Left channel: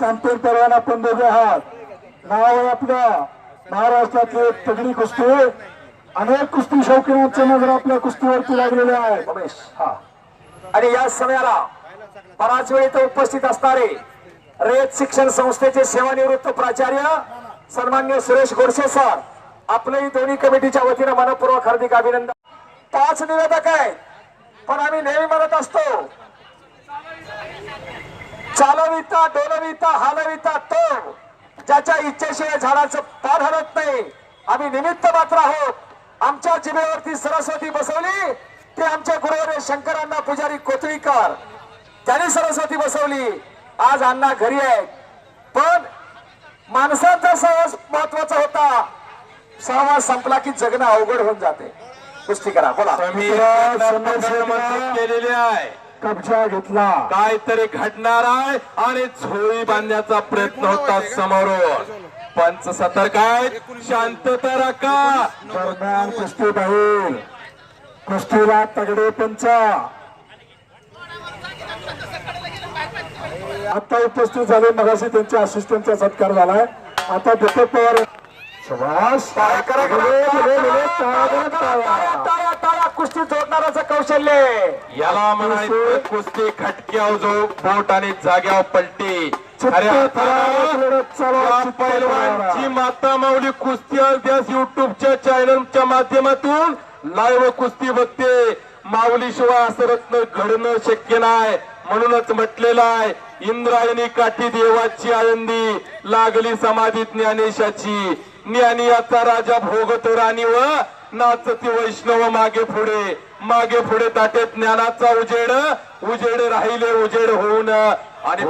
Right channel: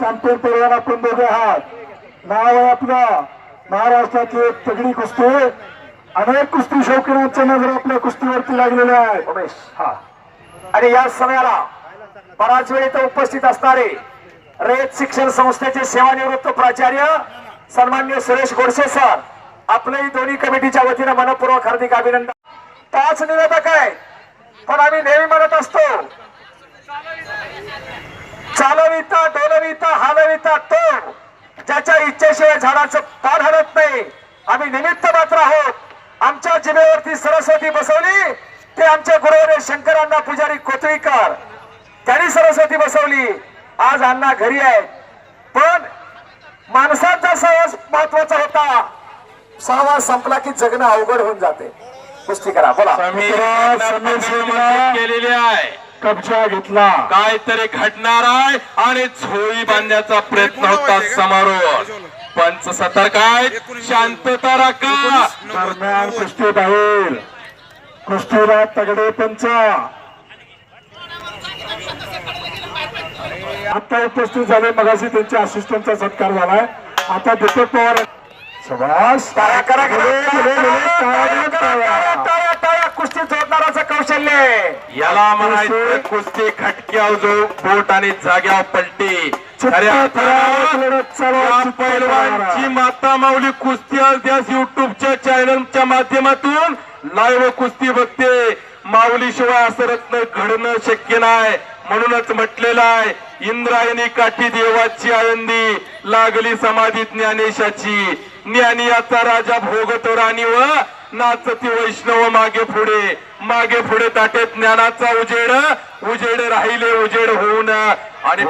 Champion परवाना आपण दोघे आहात. नाव आहे आपलं महाराष्ट्रातली एक तगडी कुस्ती. अनेक कुस्ती शौकीनांच्या नजर आपल्या कुस्तीवरती लागलेल्या आहेत. उमेश हा. आणि या समयाला बराच वेळ इथं उपस्थित असणारे रयत शिक्षण संस्थेचे सेवानिवृत्त प्राचार्य सन्मान्य सुरेश गोडसे सर आपलंही दोन्ही कमिटीच्या वतीनं मनपूर्वक हार्दिक अभिनंदन. पाच निवेदक आहेत पण आम्ही नेहमी म्हणत असतो चालविता डोलविता हालविता तो. ज्याच्या इच्छेशिवाय झाडाचं पान हलत नाही. आम्ही निमित्त मात्र आहोत. आमच्या जिमेवरती सरस्वती बसवली. ते आमच्या गुरुवारे शंकरांना पुजारी कोथळीकर. त्यांनी सरस्वती बसवली. आज अण्णा घरी आहेत. पण माणसांचा सहवास महत्त्वाचा होता. सहवास संपला की जगणं अवघड होऊन जाते. पुष्टी करा बोला. केलेली आहे. कब्जा घेतला. काहीतरी घडणार आहे आणि झोळी बांधण्याचा प्रयत्न होता समोर पंच सतर्क आहेत शांतता राखा. दरम्यान कुस्ती बाहेर कुस्तीला तगडे पंचा. आता उपस्थित झाले मगाशी त्यांच्या असिस्टंटचा सत्कार झालाय. आता दीपक पवार सुभाष करा, कुस्ती जोडणाराचं कौशल्य आहे. याला म्हणायचं कुस्ती खटक्याव जो बोट आणि जाग्यावर पलटी. पैलवानची. माता माऊली कुस्ती अध्यास युट्यूबच्या चॅनलच्या माध्यमातून लाईव्ह कुस्ती बघते. माऊलीशिवाय असं रत्न घडणं शक्य नाही. म्हणूनच म्हटलेलं आहे इंद्रायणी काठी देवाची आळंदी लागली समाधी ज्ञानेशाची. ज्ञानियाचा राजा भोगतो राणी व नाचती वैष्णव मागे पुढे. मागे पुढे ताटे ज्ञानाचा उजेड. उजेड राहिले उजेड होऊन. आणि